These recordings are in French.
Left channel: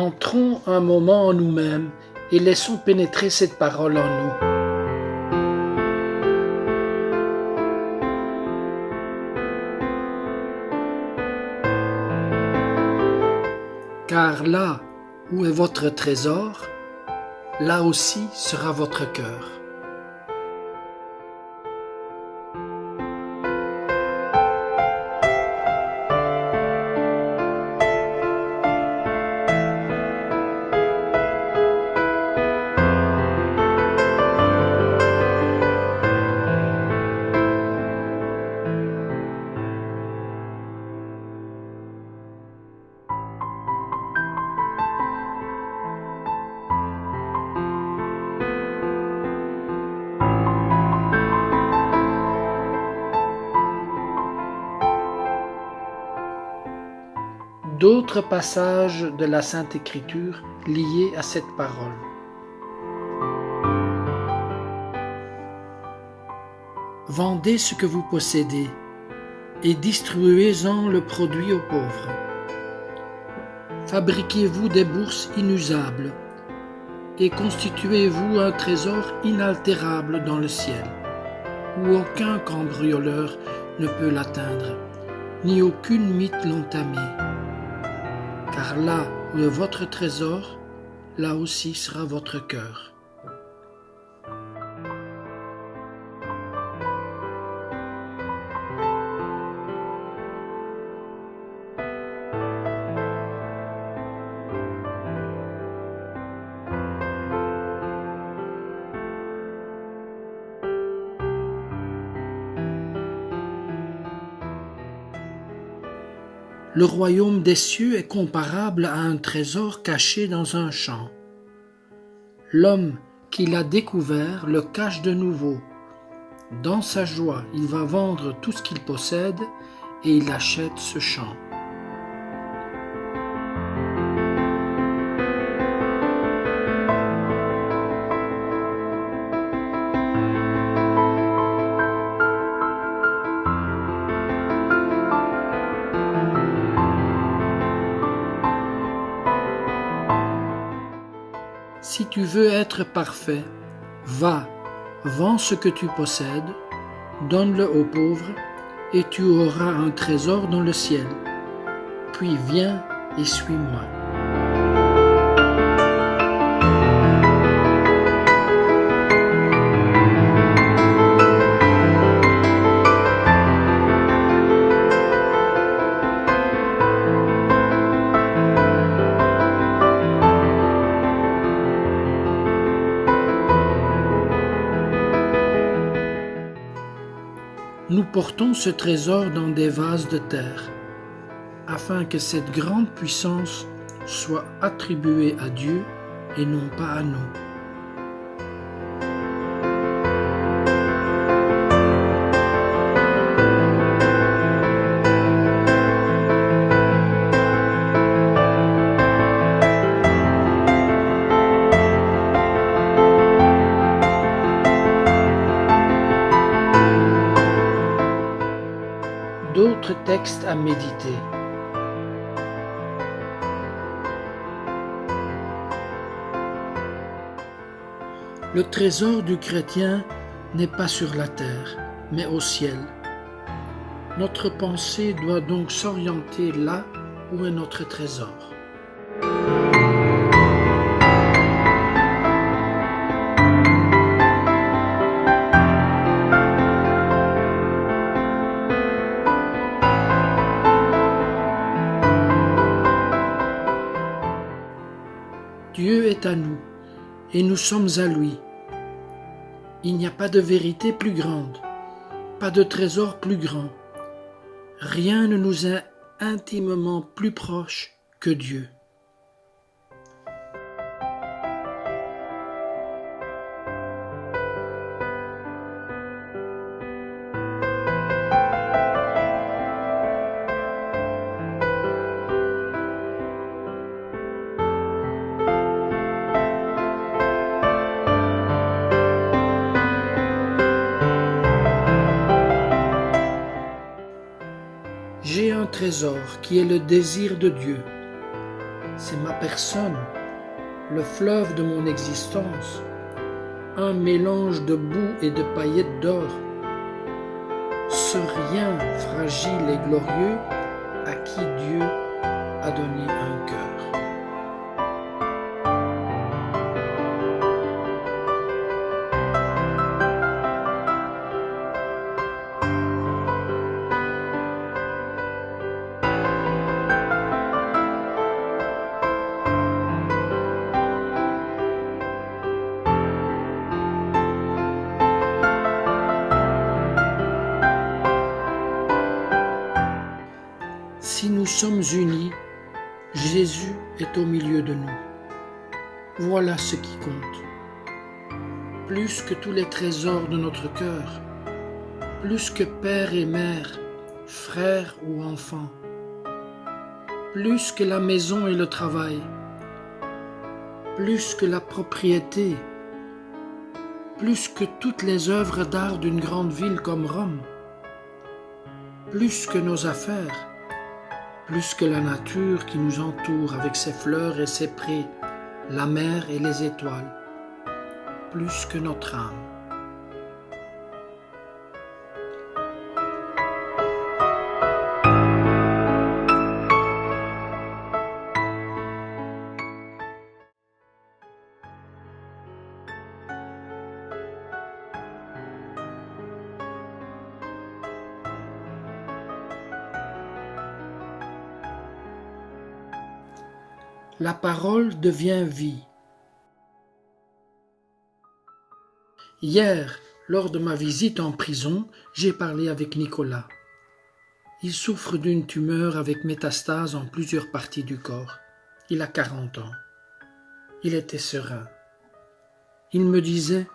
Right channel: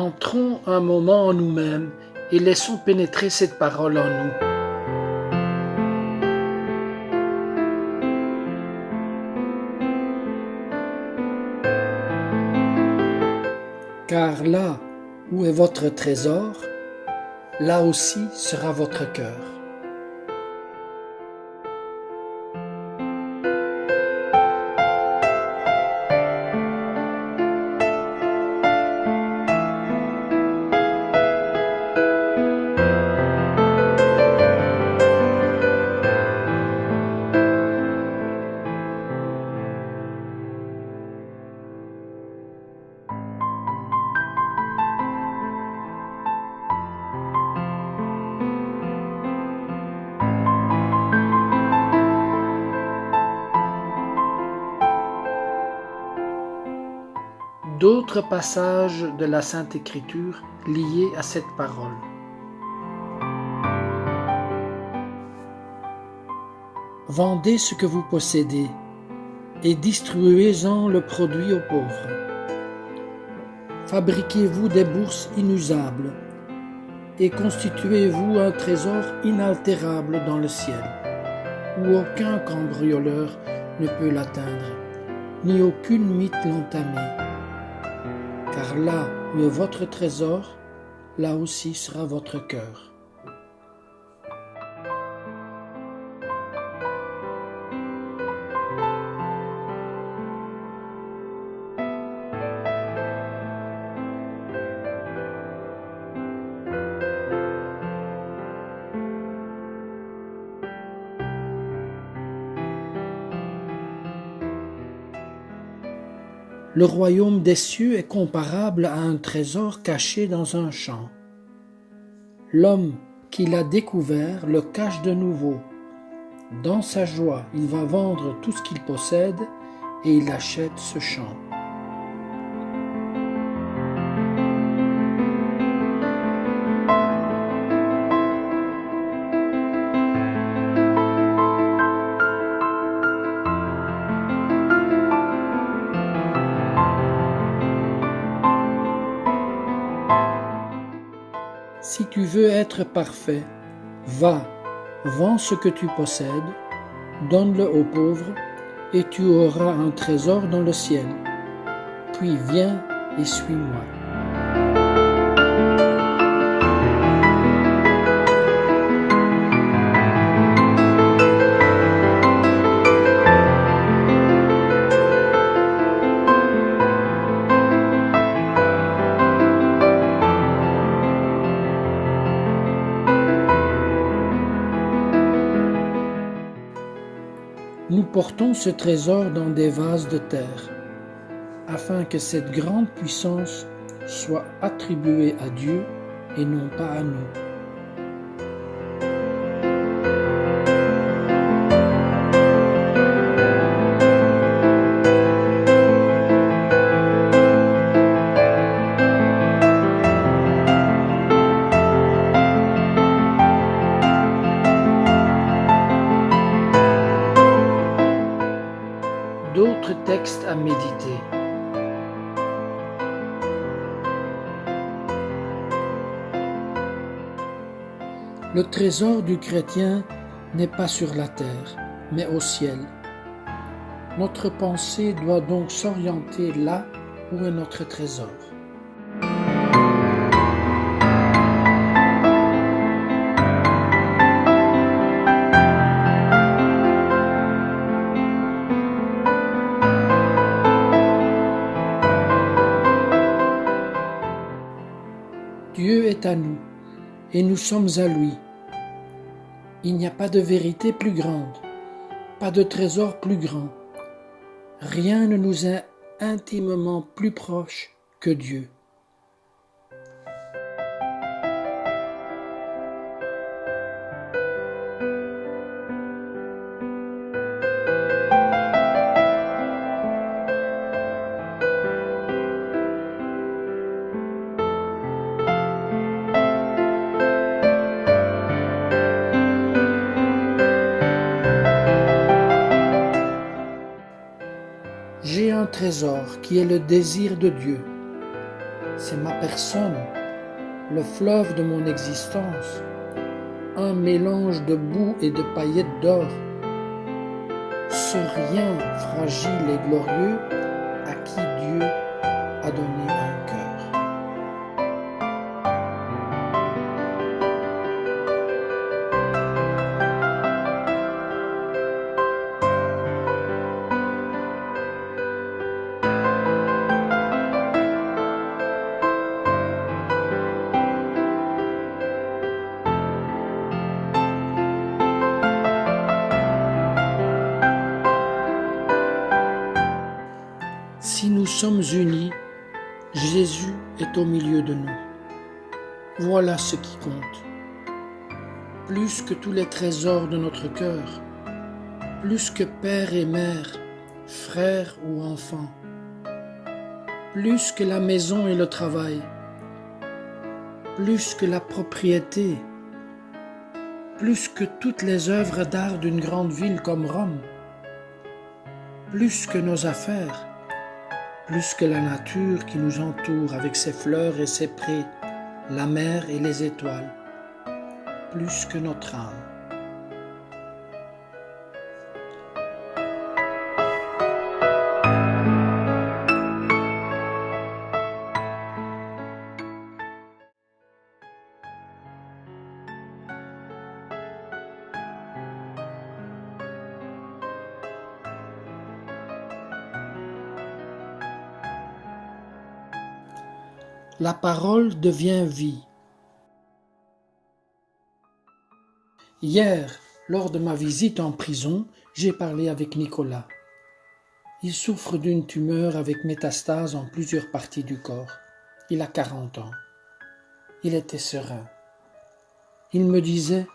Entrons un moment en nous-mêmes et laissons pénétrer cette parole en nous. Car là où est votre trésor, là aussi sera votre cœur. D'autres passages de la Sainte Écriture liés à cette parole. Vendez ce que vous possédez et distribuez-en le produit aux pauvres. Fabriquez-vous des bourses inusables et constituez-vous un trésor inaltérable dans le ciel, où aucun cambrioleur ne peut l'atteindre, ni aucune mythe l'entamer. Car là où est votre trésor, là aussi sera votre cœur. Le royaume des cieux est comparable à un trésor caché dans un champ. L'homme qui l'a découvert le cache de nouveau. Dans sa joie, il va vendre tout ce qu'il possède et il achète ce champ. Si tu veux être parfait, va, vends ce que tu possèdes, donne-le aux pauvres, et tu auras un trésor dans le ciel. Puis viens et suis-moi. Nous portons ce trésor dans des vases de terre, afin que cette grande puissance soit attribuée à Dieu et non pas à nous. D'autres textes à méditer. Le trésor du chrétien n'est pas sur la terre, mais au ciel. Notre pensée doit donc s'orienter là où est notre trésor. Dieu est à nous, et nous sommes à lui. Il n'y a pas de vérité plus grande, pas de trésor plus grand. Rien ne nous est intimement plus proche que Dieu. J'ai un trésor qui est le désir de Dieu. c'est ma personne, le fleuve de mon existence, un mélange de boue et de paillettes d'or, ce rien fragile et glorieux à qui Dieu a donné un cœur. Si nous sommes unis, Jésus est au milieu de nous. Voilà ce qui compte. Plus que tous les trésors de notre cœur, plus que père et mère, frère ou enfant, plus que la maison et le travail, plus que la propriété, plus que toutes les œuvres d'art d'une grande ville comme Rome, plus que nos affaires, plus que la nature qui nous entoure avec ses fleurs et ses prés, la mer et les étoiles, plus que notre âme. La parole devient vie. Hier, lors de ma visite en prison, j'ai parlé avec Nicolas. Il souffre d'une tumeur avec métastase en plusieurs parties du corps. Il a 40 ans. Il était serein. Il me disait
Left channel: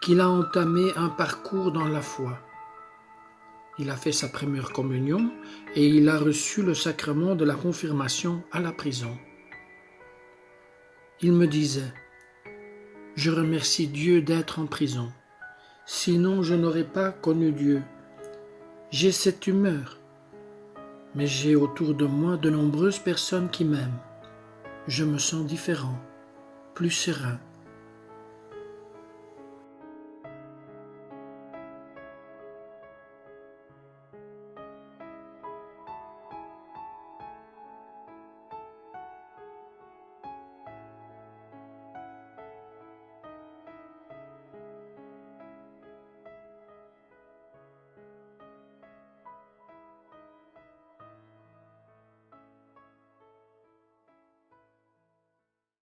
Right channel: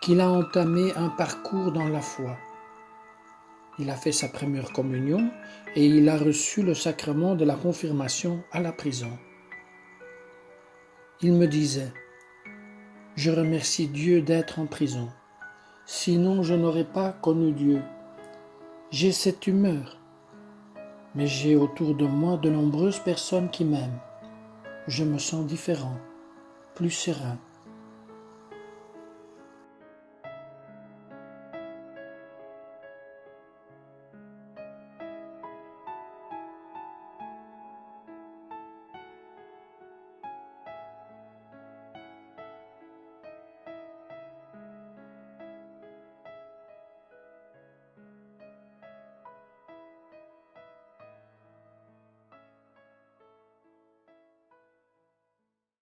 qu'il a entamé un parcours dans la foi. Il a fait sa première communion et il a reçu le sacrement de la confirmation à la prison. Il me disait « Je remercie Dieu d'être en prison, sinon je n'aurais pas connu Dieu. J'ai cette humeur, mais j'ai autour de moi de nombreuses personnes qui m'aiment. Je me sens différent, plus serein.